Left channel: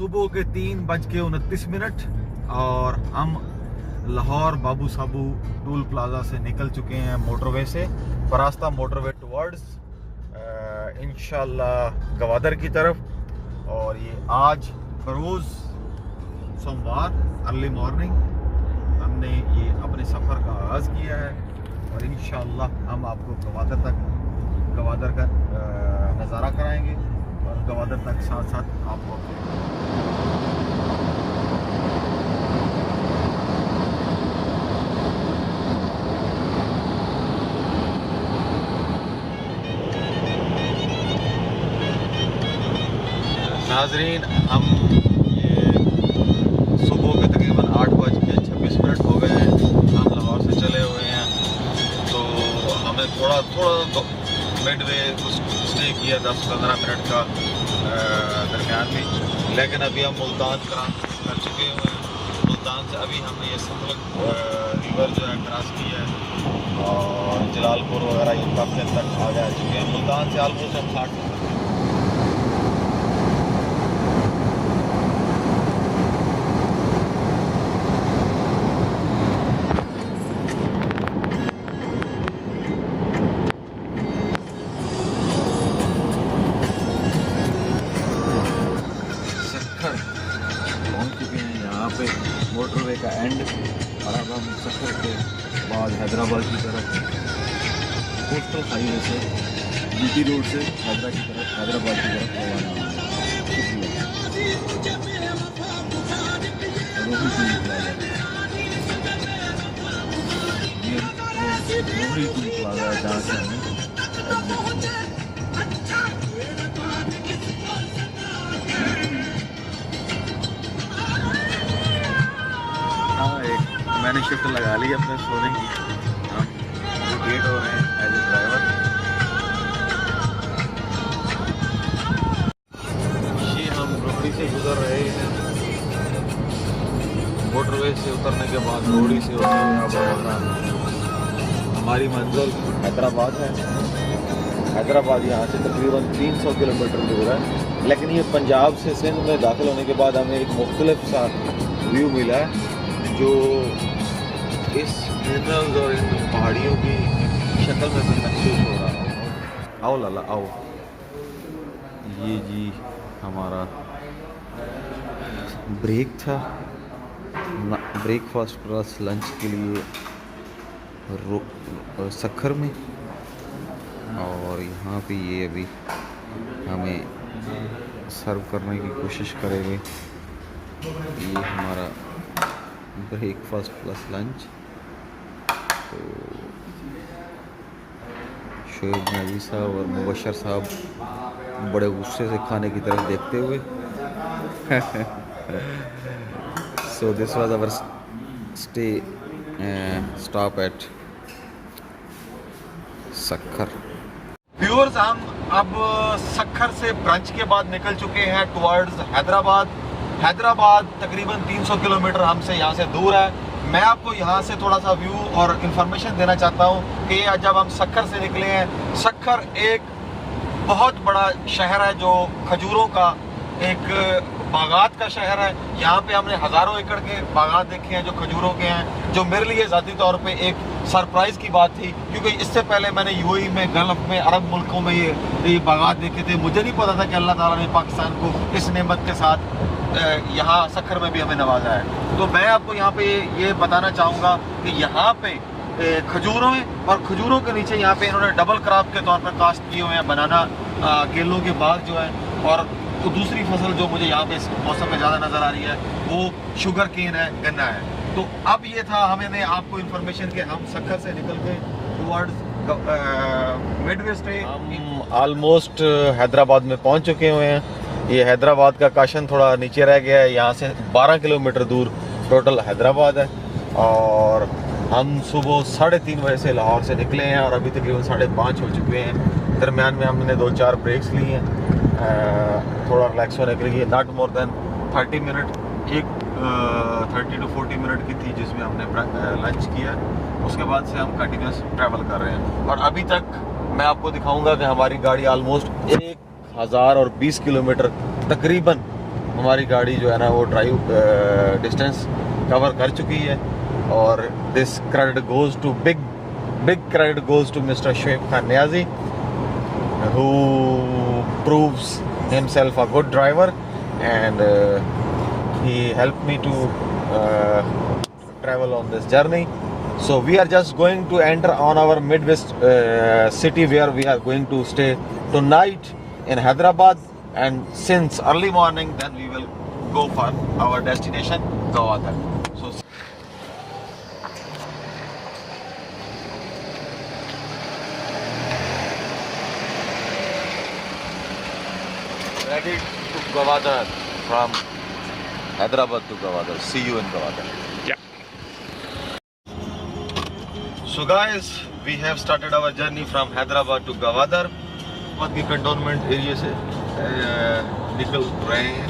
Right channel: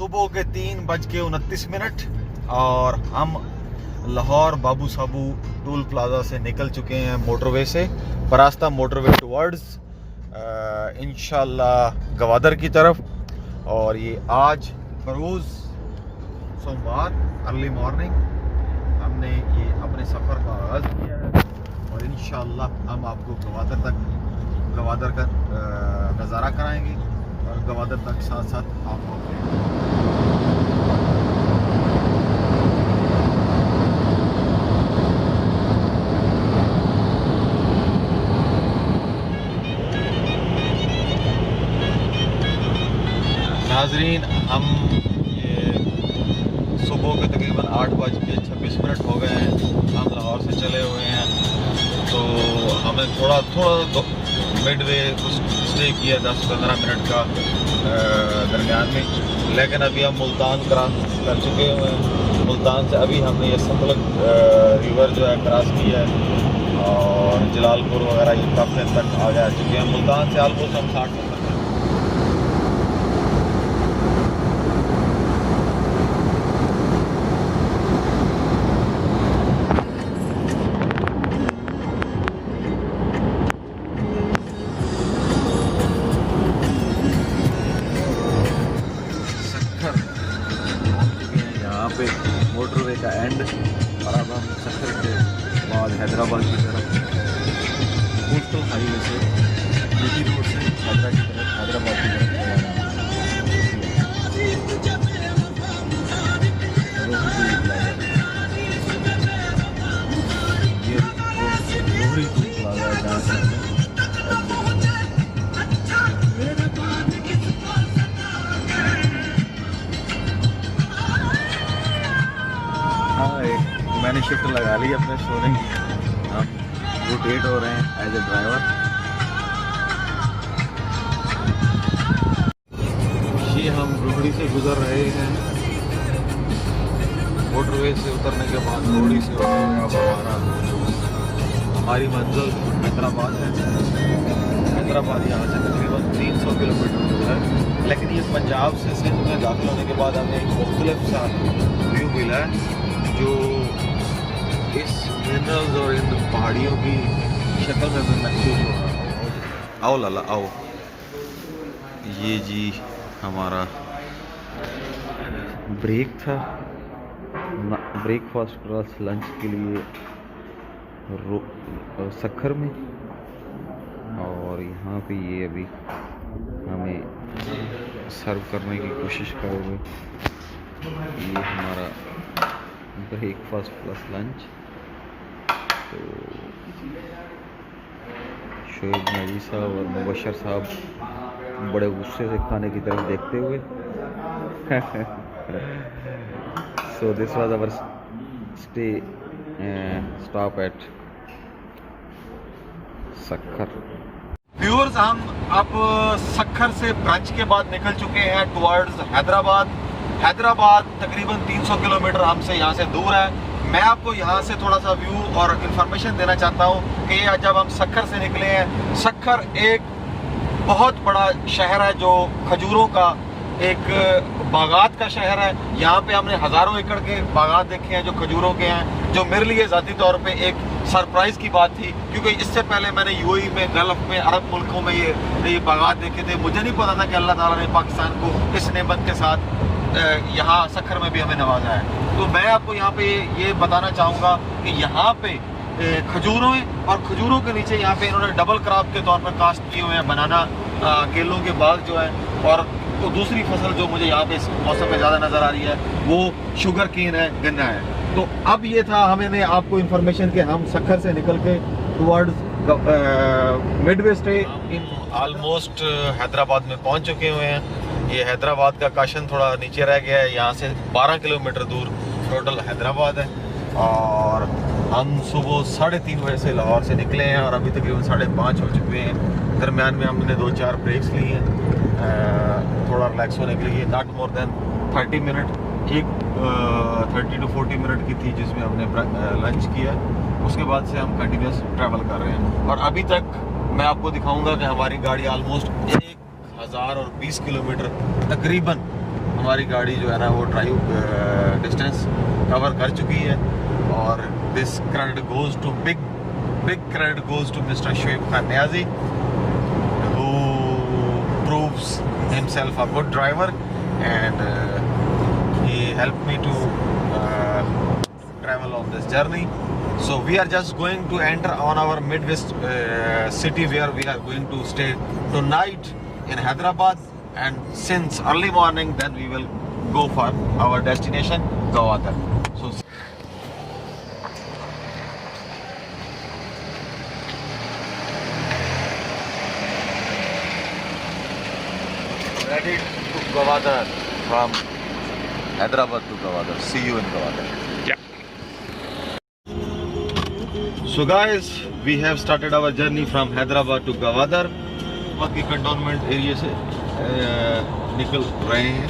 सुबह के 3:29 और हम लाहौर बाबू साबू टूल प्लाजा से निकल चुके हैं मोटरवे से, बरास्ता मोटरवे टुवर्ड्स इंशाल्लाह गवादर की तरफ। और ये आज बरोज़ सोमवार अर्ली मॉर्निंग हमने ये अपने सफ़र का आगाज़ किया है और इंशाल्लाह हम आपको गवादर का नज़ारा कराएंगे और गवादर तक साथ साथ आपको नाजरीन। हम ये सुबह के तकरीबन 8:26 हो गए हैं, हम लाहौर से चले हुए हैं। तो हमें थोड़ा मिडवे कुछ स्टे किया 10-15 मिनट का दरमियान में, लेकिन अभी हम मुल्तान क्रॉस कर चुके हुए हैं। मुल्तान से अभी हमने ये सतलुज रिवर जो है क्रॉस किया है और जलालपुर वगैरह ये काफ़ी हद तक आ चुके हैं। मुल्तान से ऑलमोस्ट हम 60 मोटरवे का एंड। और अब हम सफ़र के बाद हैदराबाद की तरफ कोस्टल हाईवे से जीटी रोड से हैदराबाद की तरफ रवाना ये लोहड़ी टूल प्लाजा है जहाँ से हमें मैंने शिफ्ट लगा ली अपने सोने की। हम रोटेट हो रहे हैं एज ए ड्राइवर। ये हम रोहड़ी से गुजर रहे हैं। मोटरवे से उतरने के बाद रोहड़ी से अब हमारी मंजिल हैदराबाद है। हैदराबाद यहाँ से तकरीबन 300 किलोमीटर दूर है, लेकिन ये पंजाब से सिंध में दाखिल होने के बाद हमें एक मुख्तलिफ सा व्यू मिला है जो इस मिनरल्स और इन पहाड़ियों की शक्ल में भी महसूस हो रहा है। आओ लाला आओ। ये जी हमारा ब्रेक था ब्रेकफास्ट प्लस लंच के लिए सक्खर में। और यहाँ पे ये अभी हमें सर्व करने की कोशिश करेंगे। ये हमारा ब्रेकफास्ट प्लस लंच। तो शोएब नजी साहब और मुबशर साहब बड़े गुस्से से खाने की तरफ देखते हुए so this was our stay stop at Sukkur. Viewers, हम अब सक्खर से ब्रंच के बाद निकल चुके हैं टुवर्ड्स हैदराबाद। हैदराबाद तकरीबन 300 किलोमीटर हमसे यहाँ से दूर है। मैं आपको यहाँ से थोड़ा सा व्यू और इन्फॉर्मेशन देना चाहता हूँ कि जब हम सक्खर से निकले हैं, सक्खर एक बहुत बड़ा शहर है जो खजूरों का एक बागात का शहर है। यहाँ पे हमने हज़ारों एकड़ के बागात देखे हैं जो खजूरों के हैं, जो मेरे लिए ज़ाती तौर पे एक सरप्राइज़ की बात थी, क्योंकि इससे पहले मैंने यूएई में, गल्फ़ में, अरब मुल्कों में ये बागात देखे थे। मुझे नहीं पता था कि अल्लाह ताला ने पाकिस्तान को इस नेमत के साथ यहाँ सक्खर में भी हमें नवाजा है। तो मैं आपको यहाँ पे ये बताना चाहूँगा कि यहाँ पे खजूरों और खजूरों के नीचे यहाँ पे इन्होंने डबल क्रॉप के तौर पर कास्ट किए हुए हैं बनाना, केलों के बाग जो है। और तो दूसरी फसल जो मुझे यहाँ पे इस मौसम में ज़्यादा नज़र आ रही है वो शुगर केन है, गन्ना है। तो अब ये था हमें आपको इन्फॉर्मेशन कि हम सक्खर से निकल के towards Midway stay almost Hyderabad में पहुँच चुके हुए हैं। ये हैदराबाद का काशन थोड़ा नीचे रह गया है। यहाँ से 12 किलोमीटर दूर टोटल हैदराबाद है। और हम सुबह 3:30 बजे से लाहौर से निकले हैं और अभी तकरीबन 5:30 हो चुके हैं। दरमियान में हमने 2-4 ब्रेक्स लिए हैं थोड़ा रिलैक्स होने के लिए। नॉट मोर देन 30 मिनट, एक 30 to 40 मिनट की थी जिसमें हमने लंच किया। उसके बाद से हम कंटिन्यूस ट्रैवल कर रहे हैं और अभी तक मैं आपको दिखाऊंगा कि हमारी गाड़ी ऑलमोस्ट 1020 किलोमीटर तकरीबन हमारी गाड़ी जो है ना वो ड्राइव डिस्टेंस कवर कर चुकी है। और this credit goes to big credit goes to mister Shoaib Khan Niazi, who proves himself a good driver, and he helped me to travel on this journey. So we are just going to enter on our Midwest city, where we are going to stay tonight in Hyderabad, and since early morning then we will go for our destination Gwadar. So ready to Gwadar, from Hyderabad to Gwadar. See you in Gwadar. Yeah. So guys, we have started our journey from Hyderabad to Gwadar. बाकी cantonment area से निकल रहे हैं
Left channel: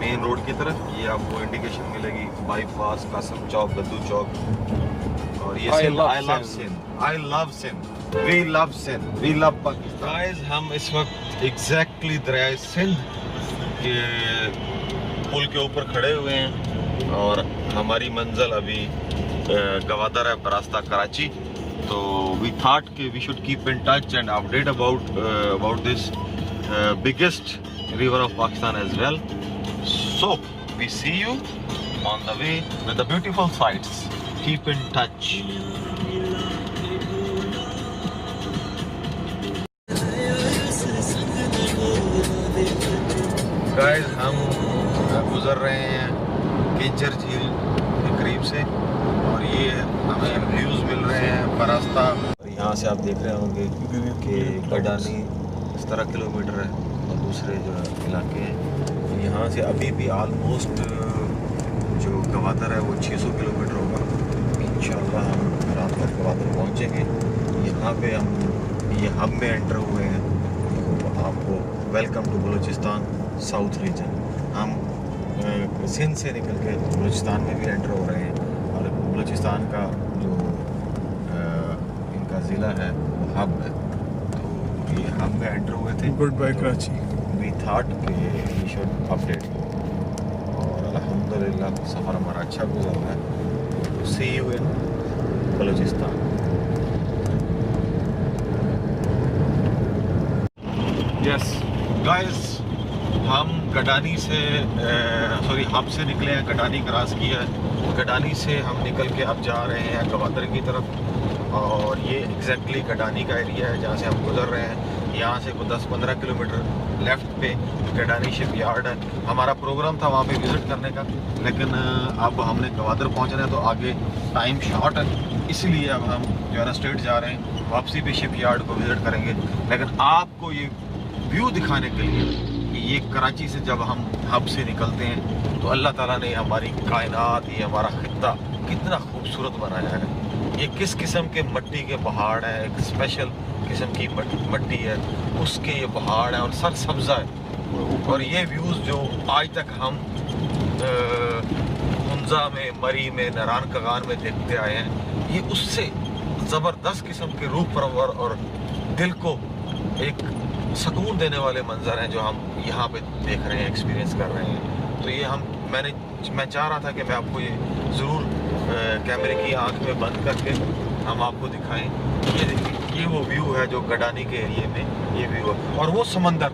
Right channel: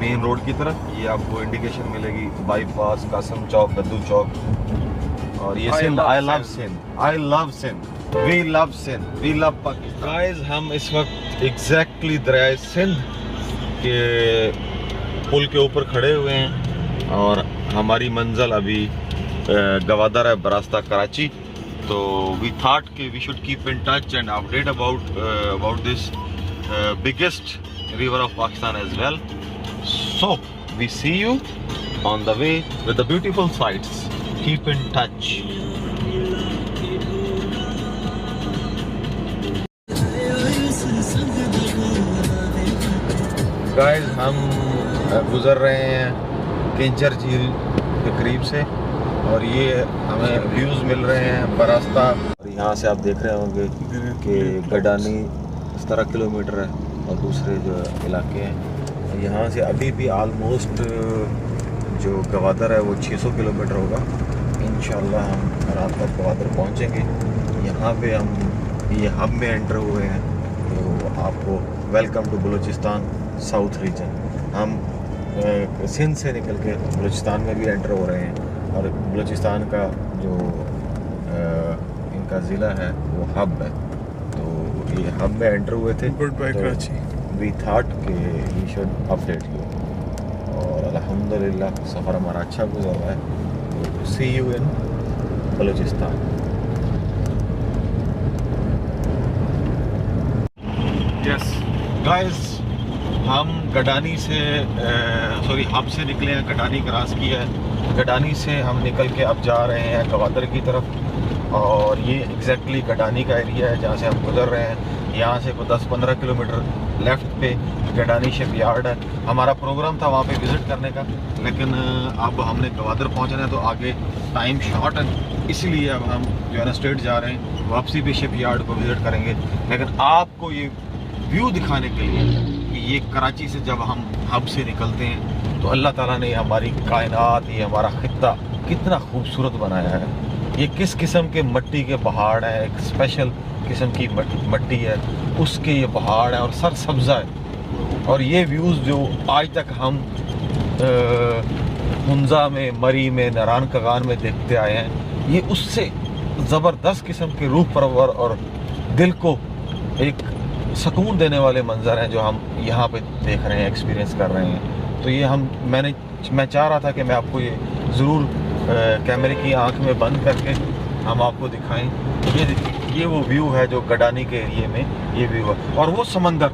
main road की तरफ। ये आपको indication मिलेगी बाईपास, कासम चौक, गद्दू चौक। और ये Sindh, I love Sindh, I love Sindh, we love Sindh, we love Pakistan. Guys, हम इस वक्त एग्जैक्टली दरिया सिंध के पुल के ऊपर खड़े हुए हैं और हमारी मंजिल अभी गवादर है, बरास्ता कराची। तो we thought कि we should keep in touch and update about this biggest river of Pakistan as well. So we see you on the way with the beautiful sights. Keep in touch. Guys, हम गुजर रहे हैं किंचर झील के करीब से और ये हमें व्यूज़ मिल रहे हैं बरास्ता। और यहाँ से आप देख रहे होंगे कि गडानी इस तरह किलोमीटर है और दूसरे जो इलाके हैं यहाँ से अभी भी आलमोस्ट जो गवादर है वो 600 किलोमीटर होगा। इंशाल्लाह हम रात को गवादर पहुँचेंगे। यहाँ पे हम ये हब में एंटर हुए हैं, तो आपको welcome to Balochistan south region. हम सिंध से निकल के बलूचिस्तान में भी एंटर हो रहे हैं और बलूचिस्तान का जो इनका ज़िला है वो हब है। तो ये हब पे एंटर हुए थे। Goodbye Karachi. We thought कि वी शुड अपडेट यू और अल्हम्दुलिल्लाह सफ़र हमारा अच्छा गुजर रहा है। See you in Balochistan. Yes guys, हम गडानी से हब से निकले हैं, गडानी क्रॉस किया है। गडानी से हम निकल के अब जा रहे हैं गवादर की तरफ और ये एग्जैक्टली गडानी का एरिया है जहाँ से हम गुजर रहे हैं। यहाँ से कोई 10-15 किलोमीटर लेफ़्ट पे गडानी शिप यार्ड है। हमारा प्रोग्राम था वहाँ पे विज़िट करने का, लेकिन अब हमने गवादर पहुँचना है तो आगे टाइम शॉर्ट है, इसलिए अब हम जो है ना स्ट्रेट जा रहे हैं। वापसी पे शिप यार्ड को विज़िट करेंगे, लेकिन आपको ये व्यू दिखाने के लिए कि ये कराची से जब हम हब से निकलते हैं तो अल्लाह ताला ने हमारी कायनात, ये हमारा खित्ता कितना खूबसूरत बनाया है। ये किस किस्म के मिट्टी के पहाड़ हैं, एक स्पेशल किस्म की मिट्टी है, उसके ये पहाड़ हैं और सरसब्ज़ा है। और ये व्यूज़ जो आज तक हम मुंजा में, मरी में, नारायण कगान में देखते आए हैं, ये उससे ज़बरदस्त किस्म के रूह परवर और दिल को एक सुकून देने वाले मंजर हैं जो हम यहाँ पे देख रहे हैं, एक्सपीरियंस कर रहे हैं। तो ये मैं चाह रहा था कि मैं आपको ये ज़रूर कैमरे की आंख में बंद करके हम आपको दिखाएं। ये वो व्यू है जो गडानी के एरिए में ये व्यू है। और वो समंदर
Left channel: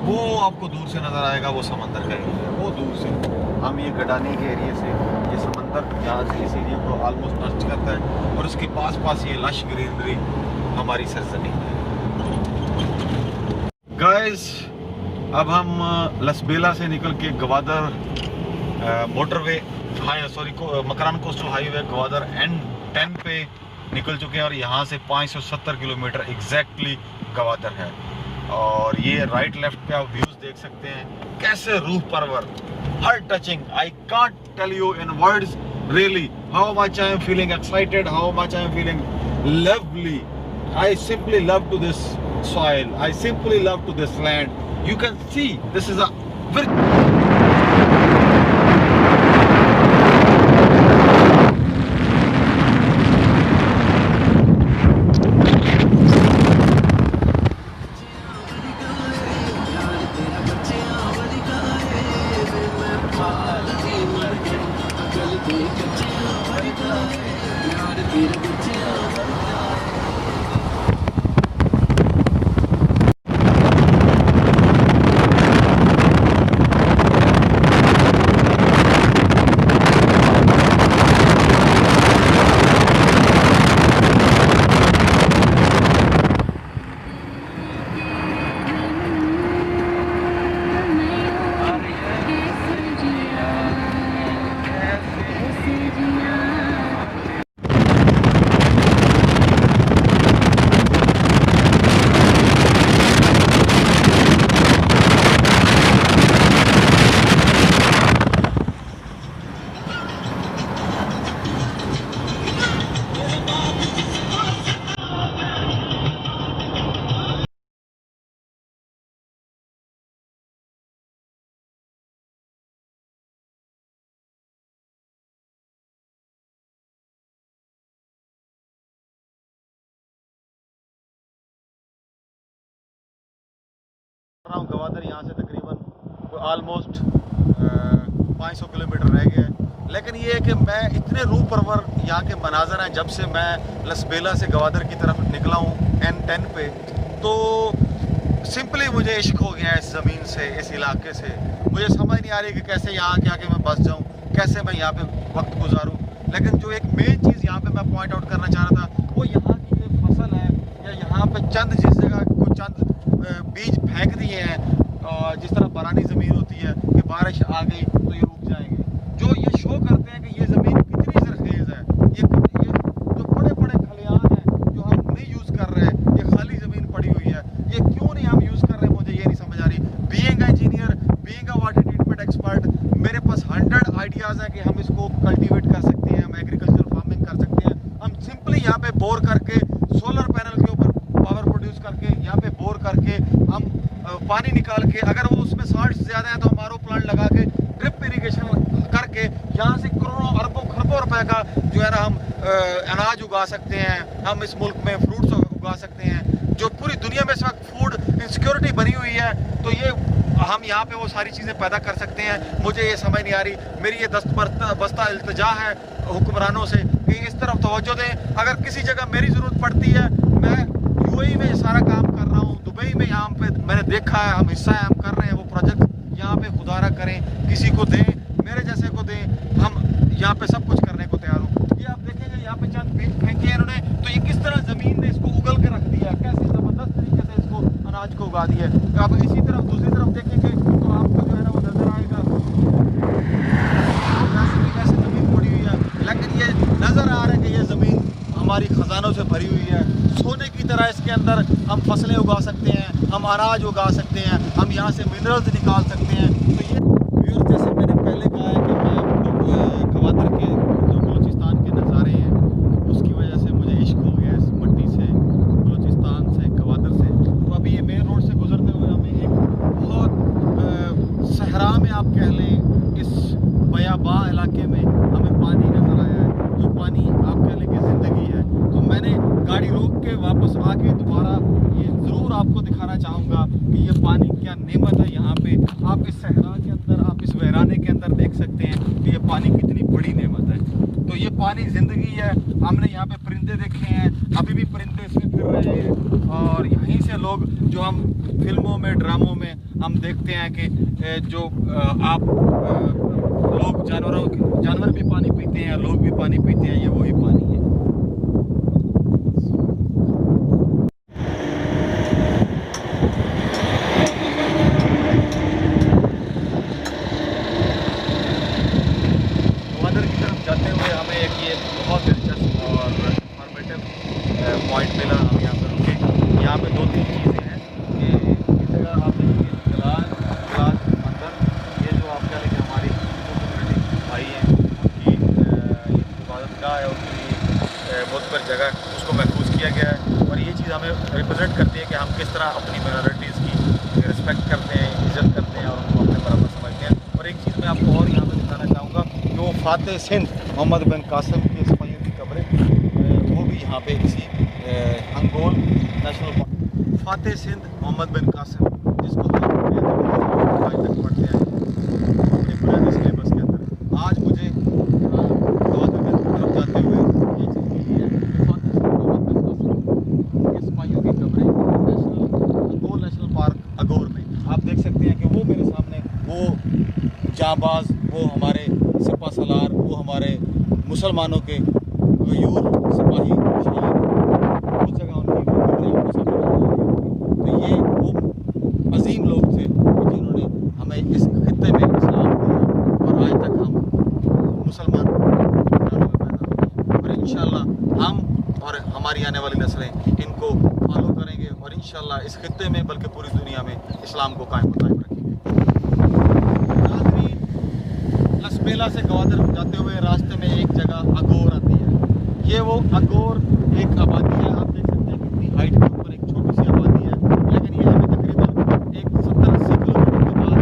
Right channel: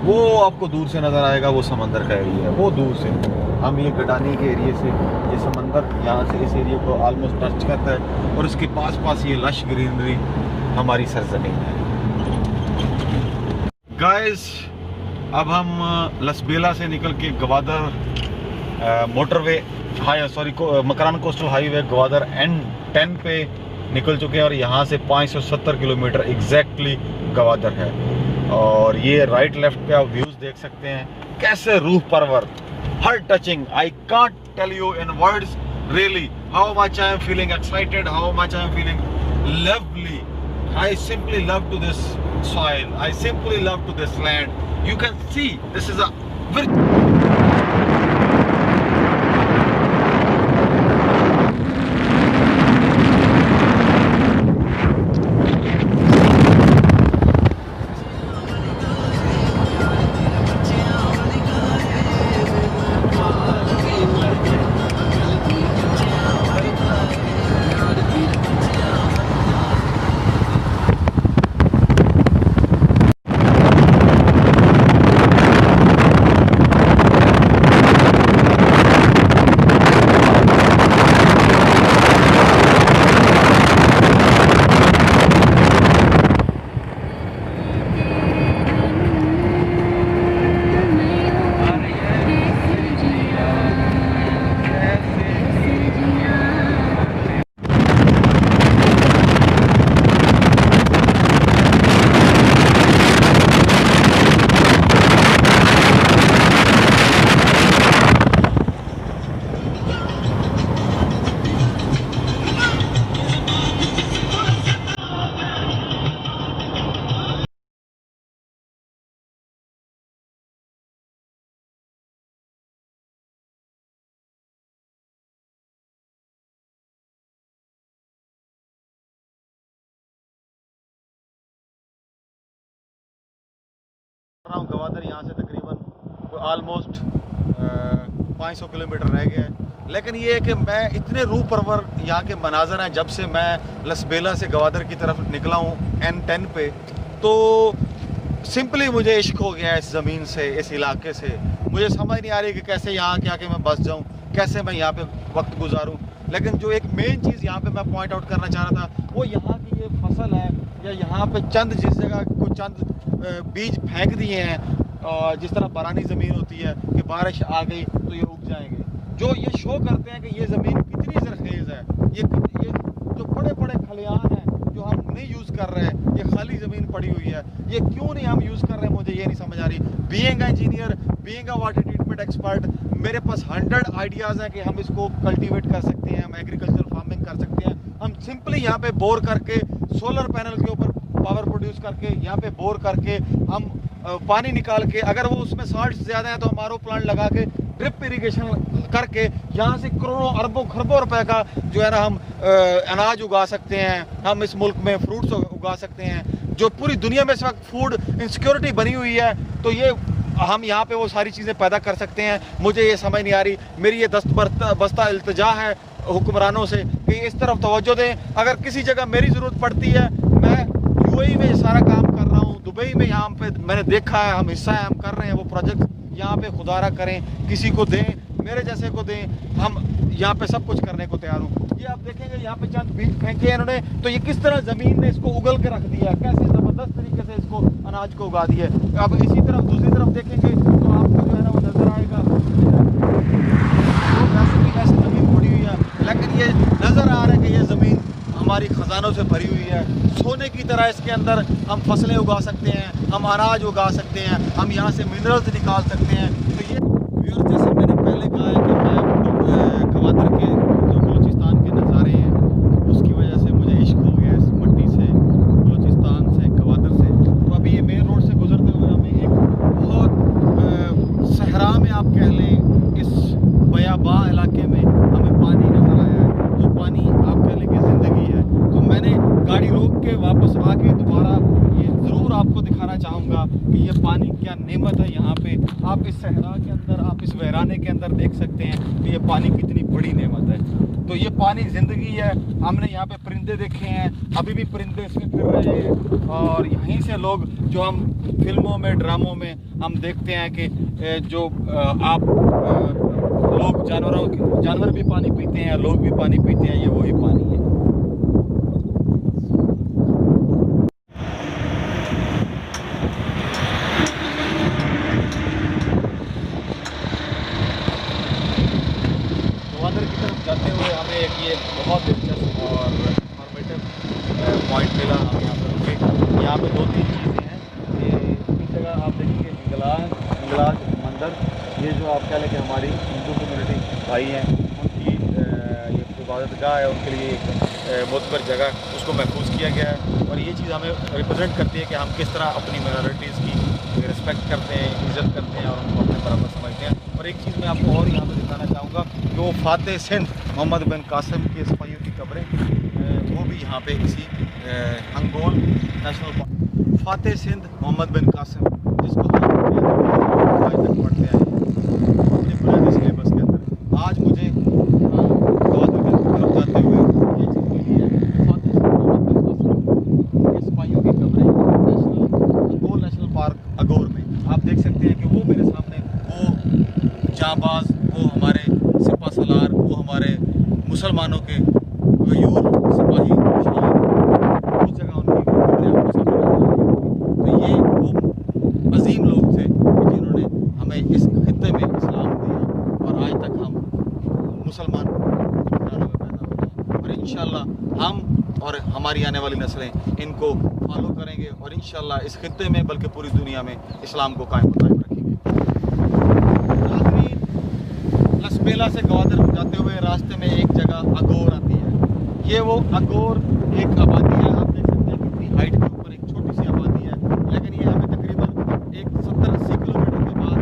वो आपको दूर से नज़र आएगा, वो समंदर का एरिया है, वो दूर से। हम ये गडानी के एरिए से ये समंदर यहाँ से इस एरिया को ऑलमोस्ट टच करता है और उसके पास ये लश ग्रीनरी हमारी सरजमीन है। गाइस, अब हम लसबेला से निकल के Gwadar motorway Makran coastal highway Gwadar N10 पे निकल चुके हैं और यहाँ से 570 किलोमीटर एग्जैक्टली गवादर है। और ये राइट लेफ्ट पे आप व्यूज देख सकते हैं, कैसे रूह परवर, heart touching. I can't tell you in words really how much I am feeling excited, how much I am feeling lovely. I simply love to this soil. I simply love to this land. You can see this is a very रहा हूँ गवादर यहाँ से तकरीबन almost 500 kilometre रह गया है। लेकिन ये है कि मैं इतने रूह परवर यहाँ के मनाजर हैं जब से मैं लसबेला से गवादर की तरफ निकला हूँ N10 पे, तो सिंपली मुझे इश्क हो गया इस ज़मीन से, इस इलाके से। मुझे समझ नहीं आ रही कि कैसे यहाँ के आके मैं बस जाऊँ, कैसे मैं यहाँ पे वक्त गुजारूँ। लेकिन जो एक मेन चीज़ यहाँ पे मैं पॉइंट आउट करना चाह रहा था वो यहाँ की जो फसल है, या यहाँ पे चंद जिस जगह को चंद बीज फेंक दिए हैं, जिस तरह बारानी ज़मीन होती है कि बारिश आ गई तो ये उग जाएंगे, जो ये शो करते हैं कि ये ज़मीन कितनी ज़रखेज़ है। ये जो बड़े बड़े खलियान हैं जो हम नहीं यूज़ कर रहे हैं, ये खाली ज़मीन पड़ी हुई है, ये क्यों नहीं हम यूज़ कर रहे हैं, मुझे ये नहीं समझ आ रही। Being engineer, being water treatment expert, मेरे पास 100 आइडियाज़ हैं कि हम इसको कल्टीवेट कर सकते हैं, हम एग्रीकल्चर फार्मिंग कर सकते हैं। हम सिंपली यहाँ पे बोर करके सोलर पैनल के ऊपर पावर प्रोड्यूस करके, यहाँ पे बोर करके हम पानी निकाल के, अगर वो उसमें साल्ट ज़्यादा है तो हम आरओ प्लांट लगा के ड्रिप इरिगेशन करके यहाँ से करोड़ों अरबों खरबों रुपए का जो है ना हम अनाज उगा सकते हैं। हम इस मुल्क में फ्रूट्स उगा सकते हैं, जो पूरी दुनिया में इस वक्त फूड इनसिक्योरिटी बनी हुई है, तो ये हम यहाँ पे वो सारी चीज़ें पैदा कर सकते हैं। मुझे ये समझ नहीं आ रही। मेरी ये बस्ता इल्तिजा है हुक्मरानों से कि इस तरफ तवज्जो दें। अगर किसी जगह मेरी ज़रूरत पड़ती है, मैं यूएई में सारा काम कर रहा हूँ, दुबई में यहाँ पे मैंने देखा है, हम हिस्सा है, हम कर रहे हैं वो प्रोजेक्ट। यहाँ पे खुदारा करें, किसी को दें, मेरे जैसे को दें, हम यहाँ पे सब कुछ करने को तैयार हूँ। ये आप देखेंगे यहाँ पे चंद बीज फेंके हैं इन्होंने, तो ये किस तरह ज़मीन ने इसको उगल के रख दिया, कैसे ज़बरदस्त तरीके से इसको अनाज को उगा दिया। अब इसी तरफ दूसरी तरफ देखेंगे तो आपको जो है ना वो नज़र आएगा तो वैसे भी वैसे ज़मीन पड़ी हुई है, लेकिन ये नज़र आ रहा है कि ये ज़मीन हमारी ख़जानों से भरी हुई है। सोने की तरह इसके अंदर हम फसलें उगा सकते हैं, हम अनाज उगा सकते हैं, हम यहाँ से मिनरल्स निकाल सकते हैं। तो ये व्यूअर्स, जैसे मैंने पहले कहा है कि मैं गवादर के जो बलूचिस्तान के नज़ारे हैं उसकी वजह से मुझे इश्क हो गया इस मट्टी से, बलूचिस्तान से, गवादर से। तो अभी ये मेन रोड से गुजरते हुए हमें एक बहुत सहरा में आप कह लें, इस बयाबा इलाके में हमें पानी नज़र आया है, जो पानी आप कह लें कि ज़िंदगी है। तो मैंने गाड़ी रोक के वापस आके दोबारा ये ज़रूर आपको दिखाना चाहूँगा कि ये पानी क्या नेमत है। यहाँ पे आप इस सहरा के अंदर, आप इस वीराने के अंदर देख सकते हैं कि ये पानी कितनी बड़ी नेमत है। तो ये पानी ज़िंदगी है। हमने यहाँ पे परिंदे देखे हैं, अभी भी परिंदे इसमें फिर रहे हैं, और यहीं से लोग जो हम फिल्मों में, ड्रामों में हम देखते हैं कि जो आप लोग जानवर भी पानी पीते हैं, लोग भी पानी पीते हैं, ये वही पानी है। गवादर की तरफ जाते हुए हमें एक ये बहुत दिलचस्प और इंफॉर्मेटिव पॉइंट मिला। हम यहाँ पर रुके। यहाँ पे 2-3 चीज़ें हैं। ये इस जगह आप देखिए गलाज मंदिर, ये जो आप कह लें कि हमारी हिंदू कम्युनिटी भाई हैं उनकी ये इबादतगाह है, उनके लिए मुतबर जगह है, उसको महफूज किया गया है। और ये चीज़ हमें रिप्रेजेंट करती है कि हम किस तरह अपनी माइनॉरिटीज़ की रिस्पेक्ट करते हैं, इज़्ज़त करते हैं और उनको अपने बराबर समझते हैं। और एक चीज़ मैं आपको और यहाँ पे दिखाना चाहूँगा कि वो फातेह सिंध मोहम्मद बिन कासिम की सिपाहियों की कब्रें, वो भी यहाँ पे इसी हंगोल नेशनल पार्क, फातेह सिंध मोहम्मद बिन कासिम, जिसको हम आज तक पढ़ते आए अपने बुनियादी सिलेबस के अंदर। आज मुझे गवादर की तरफ जाते हुए ये चीज़ मिली है कि फातेह सिंध मोहम्मद बिन कासिम के सिपाहियों की कब्रें हंगोल नेशनल पार्क अगोर में आप देख सकते हैं कि वो मेरे सामने वो जाबाज, वो हमारे सिपा सलार, वो हमारे मुसलमानों के गयूर सिपाही शहीद, उस जगह उनकी कब्रें आपको सामने। तो ये वो अजीम लोग थे जिन्होंने हमें इस खित्ते में इस्लाम दिया, और आज तक हम मुसलमान हुक्मरानों में पैदा हुए। और इंशाअल्लाह हम और हमारी आने वाली नस्लें इनको फॉलो करेंगे, और इंशाअल्लाह इस खित्ते में बल्कि पूरी दुनिया में इस्लाम को कायम रखेंगे। लसबेला से गवादर जाते हुए रास्ते में एक जगह अगोर आती है। ये वो अगोर एक आबादी है, आप देख सकते हैं कितनी हाइट के ऊपर एक छोटी सी आबादी है, लेकिन ये हमें तकरीबन एक 70-80 किलोमीटर के बाद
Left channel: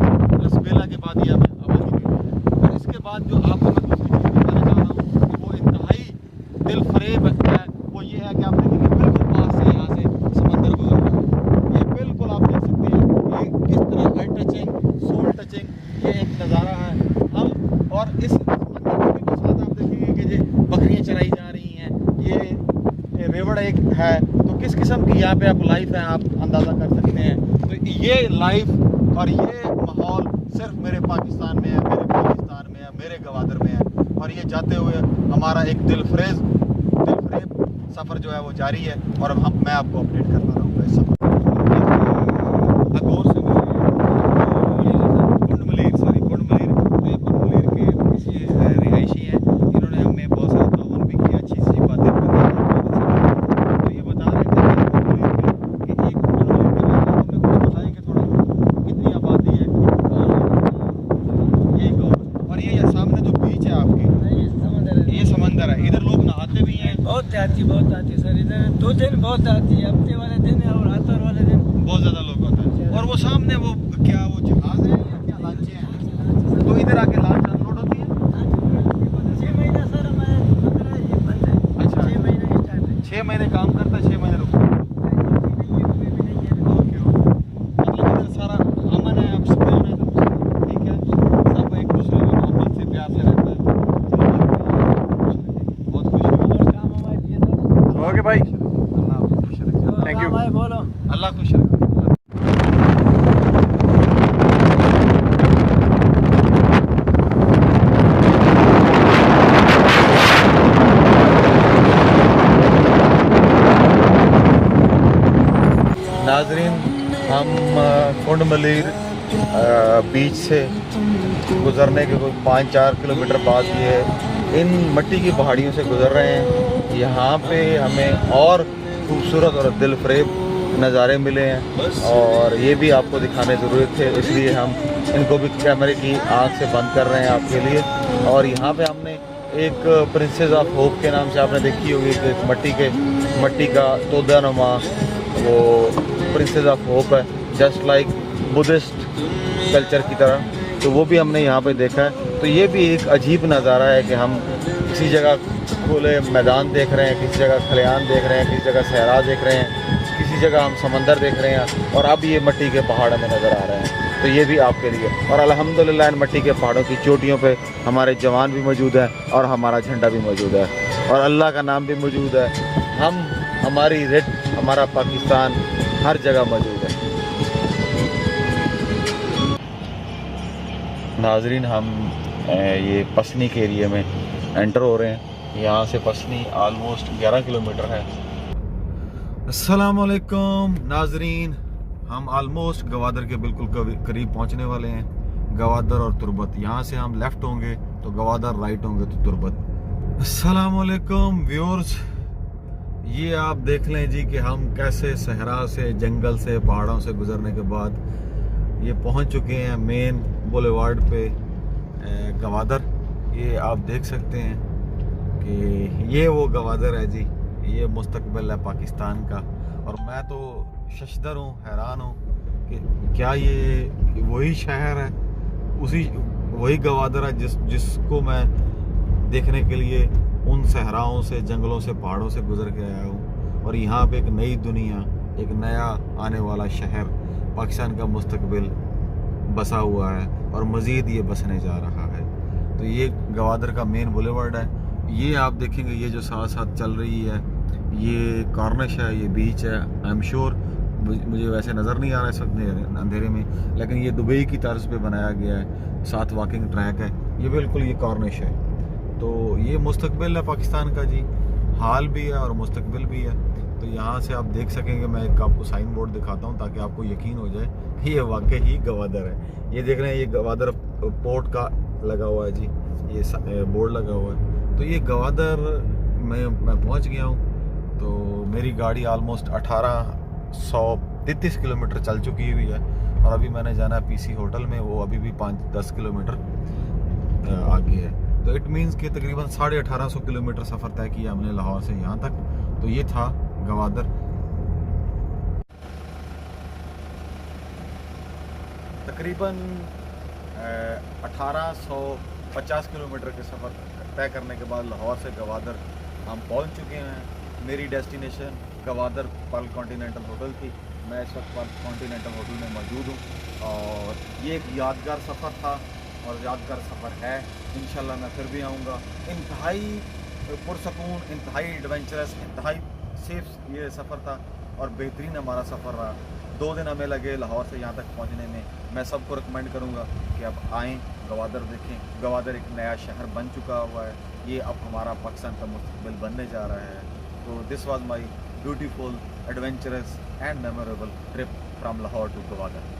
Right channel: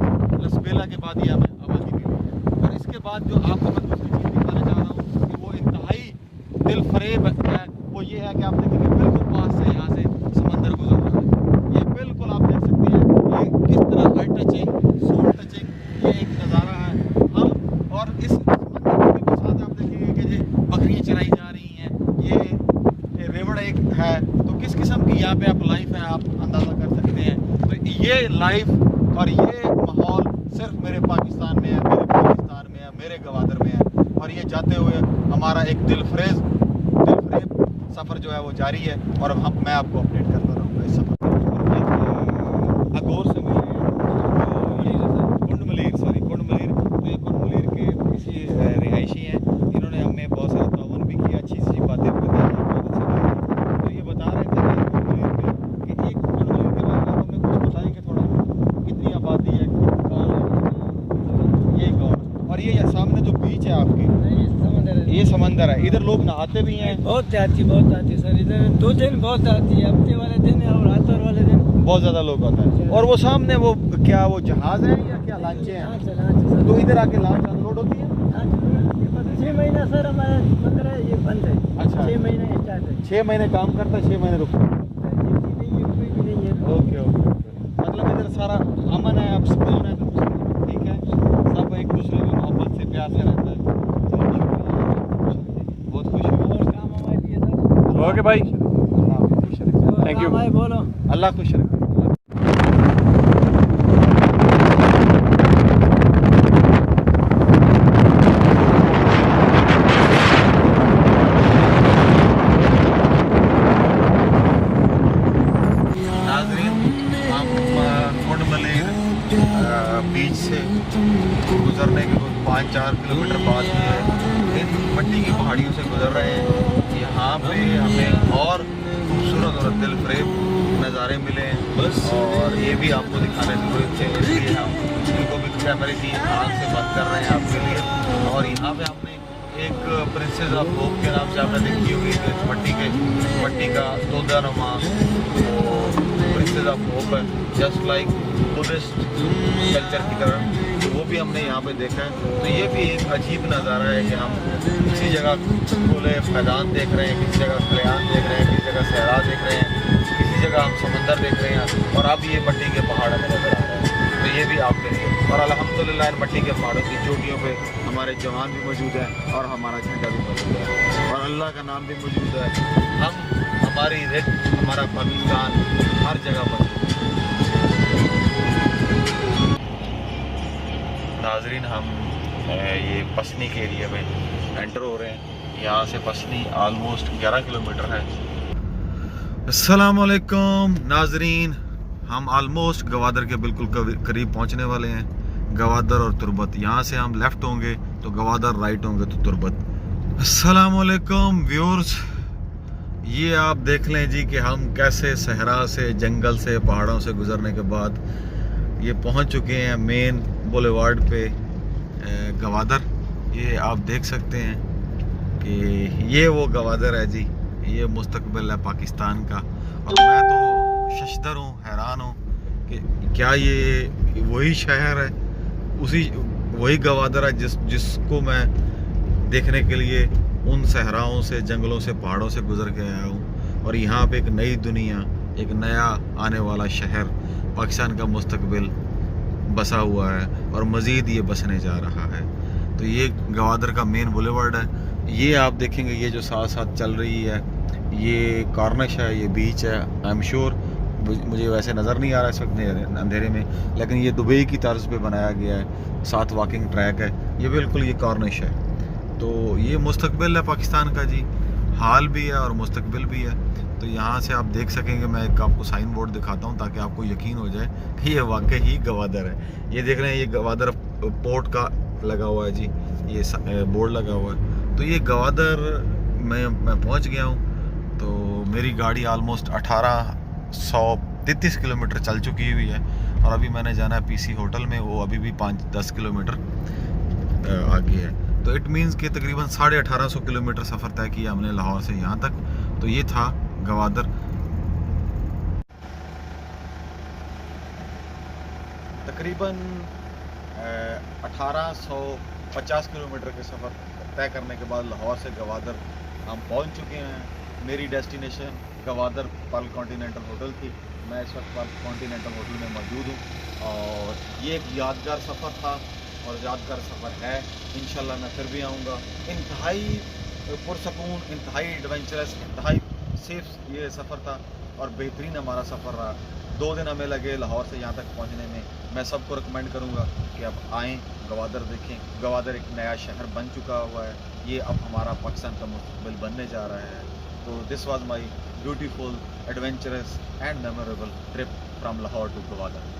लसबेला के बाद ये हमें आबादी मिली है। और इसके बाद जो आपको मैं दूसरी चीज़ दिखाना चाह रहा हूँ कि वो इंतहाई दिल फरेब है, वो ये है कि आप देखेंगे बिल्कुल पास से यहाँ से समंदर गुजर रहा है। ये बिल्कुल आप देख सकते हैं कि किस है, तो किस किस्म की यहाँ पे आप लाइफ है आप अंदाज़ा कर सकते हैं। तो ये लाइफ और ये माहौल सिर्फ मेरे पाकिस्तान में है, मेरे पाकिस्तान में है, मेरे गवादर में है। और ये जाते हुए हमारा एक दिलफ्रेब सफ़र जो है वो जारी है, और अब मैं आपको अपडेट करता रहूँगा इस सफ़र। अगोर से कुंड मलीर के किसी रिहायशी हैं, इन्होंने हमें बहुत सारा ताउन भी किया, अच्छी सी बातें बताई। तो ये बता रहे थे कि कुंड मलीर के बारे में हमें कुछ बताएंगे थोड़ा, कितनी आबादी है, कौन है ये गाँव, और ये सामने जो बीच है आपकी ये समंदर है, इधर लोग नहाते भी हैं। बहुत आती सर, इधर 2 दिन बहुत आती है, हफ्ते वाले दिन और आतवार वाले दिन बहुत ज़्यादा लोग आते हैं। और वो सामने वो क्या वो जहाज है या क्या लांचे हैं, तो इधर आके लांच अनलोड होती है। 6 महीना सर हमारे 15 ये बंद है। अच्छा 6 महीने स्टार्ट है, 6 महीने काम करता है, 6 महीने रुकता है। ओके मतलब इधर सारा अमन है, अब सुकून है, तो ठीक है, सब एक दूसरे में मोहब्बत से प्यार से रहता है। बहुत खुश और काम हमारे लिए सर। ओके भाई, थैंक यू भाई, बोलो अल्लाह खुश है। नाजरीन, हम कुंड मलीर बीच से गुजरने के कुछ 5-4 किलोमीटर बाद ही है, इन मिट्टी की पहाड़ियों से गुजर रहे हैं। यहाँ पे हमें और खूबसूरत और दिलफरेब नज़ारे मिले हैं, और ये भी आपको दिखाने ज़रूरत थे, इसलिए हम इनको भी कैमरे की आँख से बंद कर रहे हैं आपके लिए। और यहाँ पे हमने एक प्रिंसेस ऑफ होप के नाम से आपने देखी होगी कि मट्टी का तोदानुमा वो प्रिंसेस ऑफ होप है, जस्ट लाइक बुद्धिस्ट कल्चर की तरह, तो वो भी हमने यहाँ पे देखा है। तो ये भी एक अजीब नज़ारा है कि हम किसी जगह खुले मैदान देख रहे हैं, किसी जगह खलियान देख रहे हैं, किसी जगह सहरा देख रहे हैं, किसी जगह हम समंदर देख रहे हैं, और अब ये मिट्टी के पहाड़ हमें नज़र आ रहे हैं। तो ये भी आपके लिए, और अल्हम्दुलिल्लाह इन मिट्टी के पहाड़ों की चोटियों पे हमारे जवान भी मौजूद हैं, और हमारा झंडा भी मौजूद है, और अल्लाह का नाम भी मौजूद है। हम हमारी रिट हमारा पाकिस्तान हर जगह मौजूद है। नाजरीन, हम ये पसनी के एरिया में एंटर हो रहे हैं। यहाँ से पसनी आलमोस्ट 11 किलोमीटर है। अस्सलाम वालेकुम नाजरीन, हम आलमोस्ट गवादर के बिल्कुल करीब पहुँचने वाले हैं। गवादर और तुर्बत, यहाँ से हम लेफ़्ट होंगे तो गवादर, राइट होंगे तो तुर्बत। अस्सलाम वालेकुम व्यूअर्स, ये आप देख लें जी कि हम कैसे सहरा से, जंगल से, पहाड़ों से गुजरने के बाद ये पहुँच चुके हैं मेन बुलेवार्ड पे गवादर। ये आप देख सकते हैं कि ये वो गवादर है जी, ये मुस्तकबिल है पाकिस्तान का। और मैं तो शशदर हूँ, हैरान हूँ कि क्या ये वही शहर है, वही गवादर है जिसको मैं देखने के लिए उन सहराओं से, जंगलों से, पहाड़ों से गुजर के आया हूँ। और यहाँ पे एक नई दुनिया, एक नया आने वाला शहर, पाकिस्तान का मुस्तकबिल बसा हुआ है, और मज़ीद ये बसने जा रहा है। तो ये गवादर का मेन बुलेवार्ड है। ये आप देखेंगे, ये जो साथ साथ चल रही है, ये कॉर्निश है, ये बीच है। आई एम श्योर मुझे वैसे नज़र नहीं आ रहा इस वक्त अंधेरे में, लेकिन ये दुबई की तर्ज पे बनाया गया है, साथ वॉकिंग ट्रैक है, ये बिल्कुल ये कॉर्निश है। तो ये मुस्तकबिल है पाकिस्तान का जी, हाल भी है और मुस्तकबिल भी है। तो यहाँ से आप देख सकेंगे, मैं एक आपको साइन बोर्ड दिखाता हूँ ताकि आपको यकीन हो जाए कि ये वाकई ही गवादर है। ये देख रहे हैं, ये गवादर पोर्ट का लगा हुआ है जी, ये बोर्ड लगा हुआ है। तो ये गवादर मैं पहुँच गया हूँ। तो मेरी गाड़ी आलमोस्ट 1833 किलोमीटर चल चुकी हुई है, और अभी मैंने जाना है पीसी होटल में, वो अभी भी 5-10 किलोमीटर आगे है। तो इट मीन्स कि तकरीबन 1850 किलोमीटर सफ़र तय किया हमने लाहौर से यहाँ तक। तो ये था गवादर। तकरीबन 1850 किलोमीटर के सफ़र तय करने के बाद लाहौर से गवादर हम पहुँच चुके हैं। मेरी destination Gwadar Perl continental hotel थी। मैं इस वक्त पर्ल कॉन्टिनेंटल होटल में मौजूद हूँ, और ये एक यादगार सफ़र था और यादगार सफ़र है। इंशाल्लाह मैं फिर भी आऊँगा। इंतहाई पुरसकून, इंतहाई एडवेंचरस, इंतहाई सेफ ये सफ़र था और बेहतरीन हमारा सफ़र रहा। 2 दिन हमें लगे लाहौर से यहाँ तक पहुँचने में। मैं सबको रिकमेंड करूँगा कि आप आएँ, गवादर देखें। गवादर एक नया शहर बन चुका हुआ है, ये अब हमारा पाकिस्तान का मुस्तकबिल बनने जा रहा है। तो this was my beautiful, adventurous and memorable trip from Lahore to Gwadar.